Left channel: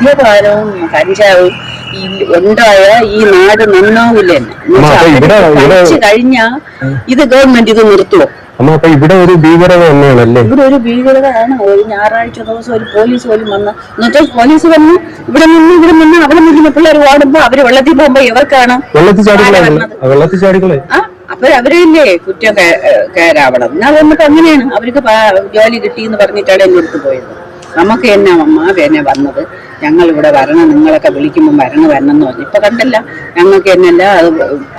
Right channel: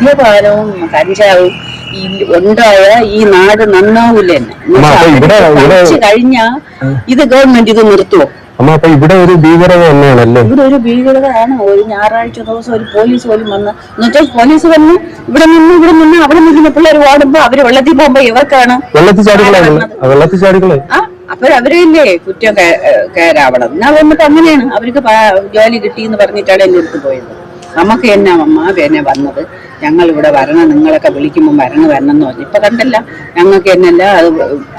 മദ്യപാനവും കഞ്ചാവും ഈ ഉണ്ടായ ഈ നാട് നന്നാവില്ല. കഴിച്ചു കഴിഞ്ഞാ ഇത് ഗവൺമെന്റ് ഇത് നിർത്തുവോ? അപ്പൊ ഇവിടെ ഒരു ഭീകരത തന്നെയാണല്ലേ? ഇവിടെ ഒരു ഭീകരതയാണ്. ഒരു ഞായറാഴ്ച ദിവസം ഒരു പോലീസ് പോലും വന്ന് എന്നുവെച്ചാൽ പോലീസ് വന്ന് ഇവിടെ നിന്ന് അവിടെ നിൽക്കുന്ന പിള്ളേർ ഓടുമ്പോ അവര് വെള്ളത്തിൽ പോകുമ്പോ ഇവർക്കാണ് വെള്ളത്തിൽ ചാടികളെ അവരല്ലേ കുറ്റം കയറാവണം. എന്നാ വന്നിട്ട് അങ്ങനെയാണ് അവർക്ക് ജോലി കിട്ടിയെന്ന് പറഞ്ഞിട്ടാണ് എന്നെ എടുത്തു പോയത്. നമുക്ക് എന്നാ അമ്മ എന്നെ വന്നത്, ഞങ്ങൾ ഇവിടെ വരണം, നിങ്ങളൊക്കെ വിളിക്കുമ്പോൾ വരണം എന്ന് പറഞ്ഞു. ഇപ്പൊ കണ്ടല്ല ഞങ്ങൾക്ക് എന്നല്ല അത്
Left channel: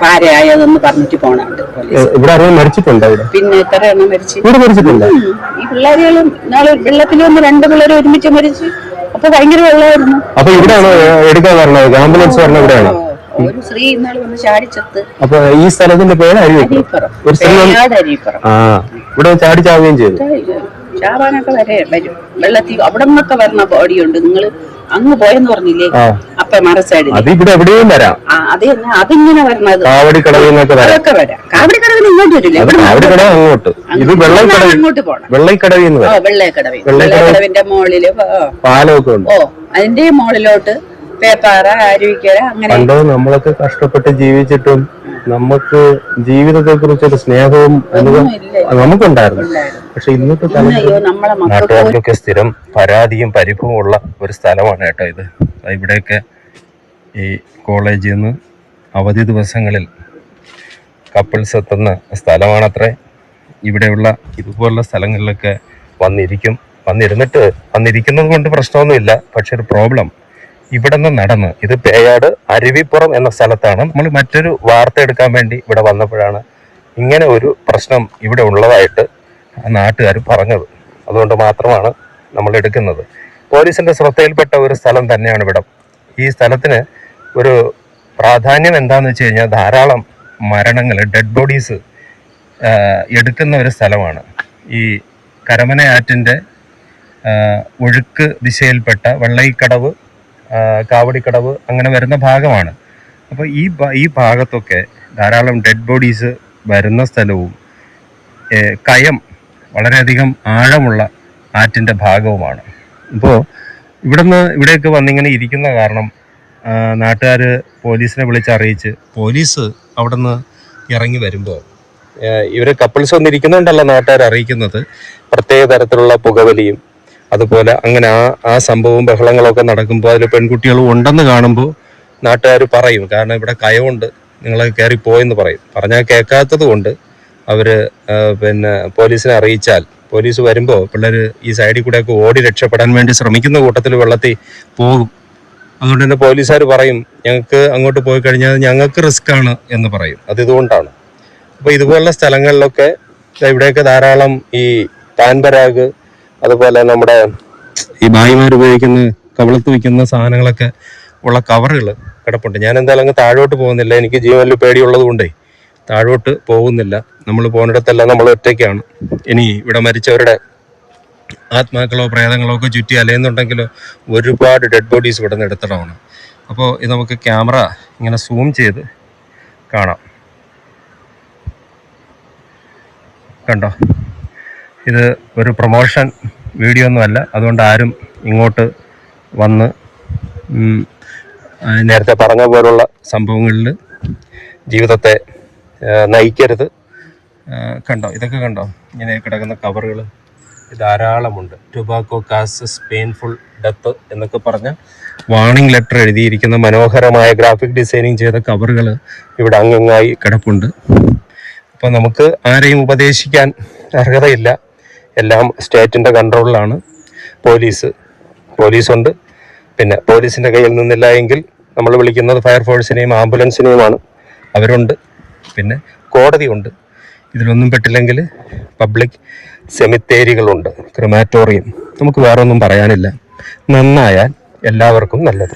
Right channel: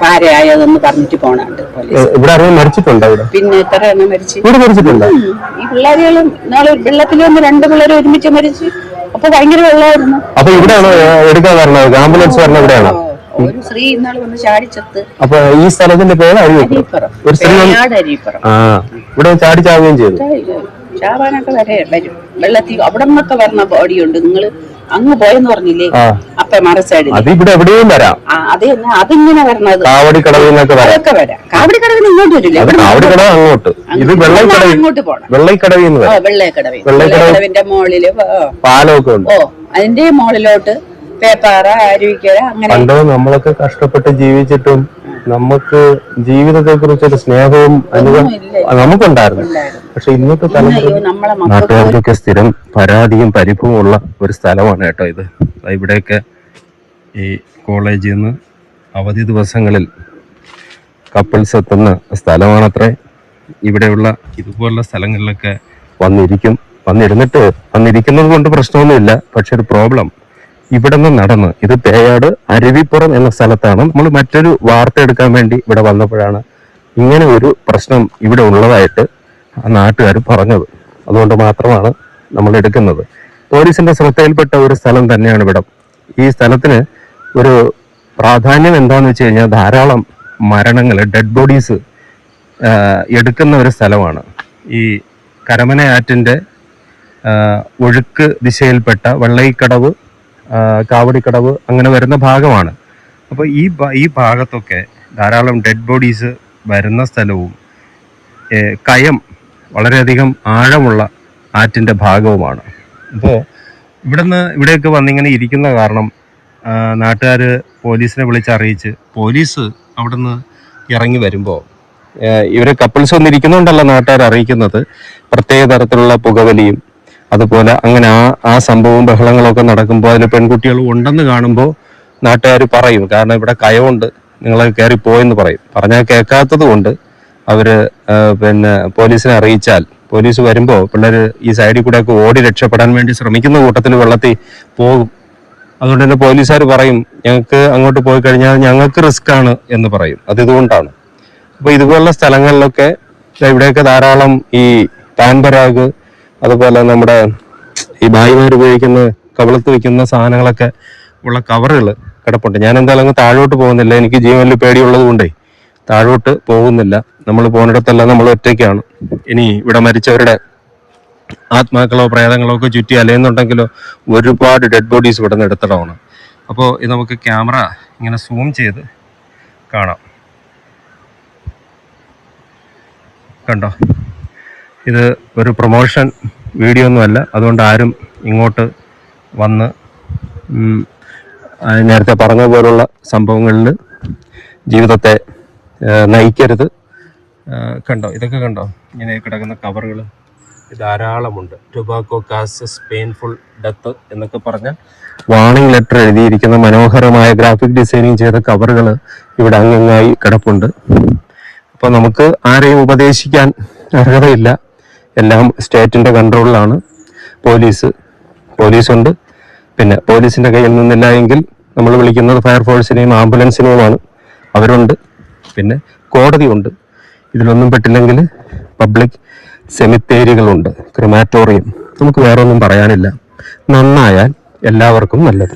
പാരയായതെന്ന് പറഞ്ഞിട്ട് പോണുണ്ട് പോലീസ്. പിന്നെ എത്ര എണ്ണം മരിച്ചു. ഈ പിള്ളേരുകളും നാളെ വെള്ളത്തിൽ വന്ന് 2 പിള്ളേർ ഒരുമിച്ച് മരിച്ചു. അപ്പൊ ഭയങ്കര വെള്ളമായിരുന്നു. ഒരു സ്ത്രീ ഇന്നാൾ വന്ന് ചാടിച്ചത്ത്. അപ്പൊ ഈ സ്ഥലത്തിന്റെ പേര് അരീപ്പുറം. ഇവിടെ ചാടിച്ചാവുകയും ചെയ്തു. ചാവാനൊക്കെ വരും വെള്ളത്തിൽ. അവിടെ നിന്നൊക്കെ വരുന്ന ബോഡിയുണ്ട്. നിങ്ങൾ അങ്ങ് പോയെന്ന് പറഞ്ഞില്ലേ, അപ്പൊ മറസൈഡിൽ അത് തന്നെ അതിങ്ങനെ വരണത്. അതൊക്കെ വരാം. കാവടിക്കടവിന് ഇങ്ങോട്ട് വരില്ല, അങ്ങോട്ട് പോണം. വെള്ളക്കടവിന്റെ മുകളില് പാലമൊക്കെ ഉണ്ട്. അതിന്റെ മുകളിലോട്ട് പേപ്പാറ, അരുവിക്കര, അങ്ങനെ. നമ്മളൊക്കെ കഷ്ടപ്പെട്ട് ജീവിച്ചിട്ടും നമുക്ക് ജീവിതത്തെ കുറിച്ചൊരു സ്നേഹവും നമുക്കുണ്ടായിരുന്നു. പക്ഷെ ഇന്നത്തെ നാട്ടുകാർക്കൊക്കെ സ്ഥിരം പരാതിയും പരിഭവവും ഉള്ള ഒരു സ്ഥലമാണ് കേട്ടോ ഇത്. ഇവിടെയൊക്കെ ഈ കോളേജിൽ നിന്ന് അവധി ദിവസങ്ങളിൽ കപ്പിൾസ് എത്തുന്ന സ്ഥലമാണത്രേ. ഇവിടെയുള്ള ഇതുപോലുള്ള സ്ഥലങ്ങളിലൊക്കെ വന്നിരിക്കുന്നത് കൊണ്ട് പ്രശ്നമൊന്നുമില്ല. പക്ഷെ ഒരു പ്രോബ്ലം ഇവിടെ നിന്ന് നടന്ന് ഇത് പേയാട് അരുവിപ്പുറം എന്ന സ്ഥലത്താണ്. നമ്മൾ മറ്റൊരു വാർത്ത എടുക്കാൻ വേണ്ടി ഇവിടെ വന്നപ്പോഴാണ് ഇങ്ങനെ ഒരു പ്രശ്നം ഇവിടെ ഉള്ളതായിട്ട് നാട്ടുകാർ പറഞ്ഞത്. അതുകൊണ്ട് മാത്രമാണ് നമ്മൾ എടുക്കുന്നത്. പോലീസിന്റെ ശ്രദ്ധയിൽപ്പെട്ട ഒരു സ്ഥലം തന്നെയാണ് ഇവിടം. ഈ സ്ഥലത്തിന് ഒരു പ്രാധാന്യം എന്താന്ന് വെച്ച് കഴിഞ്ഞാൽ ധാരാളം മരണങ്ങൾ, ഡെഡ് ബോഡീസ് എടുക്കുന്ന ഒരു സ്ഥലമാണ്. ഈ കരമന ആറ്റിന്റെ ഒഴുക്ക് ദിശയിൽപ്പെട്ട വെള്ളയിക്കടവ്, കാവടിക്കടവ് അങ്ങനെ വരുന്ന ഭാഗമാണ്. അപ്പോൾ ഈ ഭാഗത്തൊക്കെ ധാരാളം ഡെഡ് ബോഡീസ് വരുന്ന സ്ഥലവും വളരെയധികം ആഴമുള്ള ആറ്റിൻ്റെ ഭാഗവുമാണ്. അപ്പോൾ ഇവിടെയൊക്കെ വന്നിങ്ങനെ ഇരിക്കുന്ന കാരണം നാട്ടുകാർ പോലീസിനെ വിളിച്ചറിയിച്ച് പോലീസ് അവിടെ നിന്ന് ഇറങ്ങി വരുമ്പോൾ ഇവരെ കപ്പിൾസ് വന്നിരിക്കുന്നുണ്ടല്ലോ നാട്ടുകാർ അറിയിക്കുന്നത്. പ്രത്യേക തരത്തിലുള്ള പുകവലിയും അതുപോലെ അങ്ങനെ ആ സംഭവവും ബഹളങ്ങളൊക്കെ നടക്കുമ്പോൾ അതിൽ പെൺകുട്ടികളും ഉണ്ടെന്ന് കാണുമ്പോൾ നാട്ടുകാർ പറയും, കാരണം ഇവിടെ കയവുണ്ട്, നിങ്ങളെ കയറി പോയെന്ന് പറയും. പറഞ്ഞാൽ കേൾക്കാത്തത് കൊണ്ട് അവര് പോലീസിനെ അറിയിച്ചാൽ പോലീസ് വരുമ്പോൾ പിള്ളേർ ഈ സൈഡിൽ കൂടെ ഒക്കെ ഓടി രക്ഷപ്പെടാൻ വേണ്ടി ശ്രമിക്കുന്ന കൂട്ടത്തിൽ വെള്ളത്തിൽ പോകും. അതുകൊണ്ട് തന്നെ പോലീസുകാർ പറയും, ഞങ്ങൾക്ക് അങ്ങോട്ട് പോയി കഴിഞ്ഞാൽ ഞങ്ങൾക്ക് റിസ്ക് ആണ് എന്ന് പറയും. ഇതുകൊണ്ടാണ്. അപ്പൊ ഇതുപോലുള്ള സ്ഥലങ്ങളിലൊക്കെ ഇവിടെയൊക്കെ ധാരാളം ഈ പാൻപരാഗ്, അതുപോലെ നമ്മുടെ ഈ ഭായിമാർ ഉപയോഗിക്കുന്ന കവളത്ത് വയ്ക്കുന്ന സാധനങ്ങളൊക്കെ ഉള്ള കവറുകൾ കിടപ്പുണ്ട്. ഞാൻ എന്തായാലും അങ്ങ് താഴോട്ട് പോകുന്നില്ല, എനിക്ക് ജീവനിൽ പേടിയുള്ളത് കൊണ്ടേ താഴോട്ട് പോകുന്നില്ല. നമ്മൾ പോകുന്നിടത്തെല്ലാം നമ്മൾ ഒറ്റയ്ക്കാണ്. ഇനി ഇവിടെ മരിച്ചവരുടെ ആത്മാക്കളോ പ്രേതങ്ങളോ ഒക്കെ ചുറ്റി അലയുന്നുണ്ടെങ്കിലോ ഒരുപാട് ഡെഡ് ബോഡീസ് ഇവിടെ നിന്ന് എടുത്തിടമാണ്. അപ്പോൾ ഇത് നമുക്ക് ക്യാമറ ഇങ്ങനെ സൂം ചെയ്ത് കാണാം. കണ്ടോ, ഇത് ഒരു പ്രൊമോഷൻ വീഡിയോ ഒന്നുമല്ല. അതുകൊണ്ട് ആരും ഇങ്ങോട്ട് വന്ന് നേരത്തെ പറഞ്ഞ പോലുള്ള സംഭവങ്ങളിൽ ജീവിതത്തെ നയിക്കരുത്. കണ്ടോ, ഇതൊക്കെ കണ്ടോ, ഇങ്ങനെ കിടക്കുന്ന കവറുകൾ ധാരാളമുണ്ട്. ടുബാക്കോ കാസസ് പെയിൻഫുൾ ഡെത്ത് എന്നൊക്കെ പറഞ്ഞ വാർണിംഗ് ലെറ്റർ എഴുതിയിരിക്കുന്ന മനോഹരമായ ഗ്രാഫിക് ഡിസൈനിങ് ചെയ്ത കവറുകൾ ഇവിടെ അംഗമായി കിടപ്പുണ്ട്. അപ്പോൾ നമുക്ക് ആരെയും ഉപദേശിക്കാൻ അർഹതയില്ല. എല്ലാം സ്റ്റേറ്റിൻ്റെ കൺട്രോളിലാണ്. പോലീസുണ്ട്. പിന്നെ പോലീസിൻ്റെ കയ്യിൽ നിന്നില്ല എങ്കിൽ നമ്മൾ വിളിക്കുന്നത് ഫയർഫോഴ്സിനെയും ആംബുലൻസിനെയുമാണ്. അവരുണ്ട്. പിന്നെ കോടതിയുണ്ട്. ഇതിലൊന്നും പെട്ടില്ലെങ്കിൽ പബ്ലിക് സെമിത്തേരികളുണ്ട്, ക്രിമാറ്റോറിയം. നമുക്ക് വേറെ ഒന്നും പറയാനില്ല. നന്നായാൽ എല്ലാവർക്കും നല്ലത്.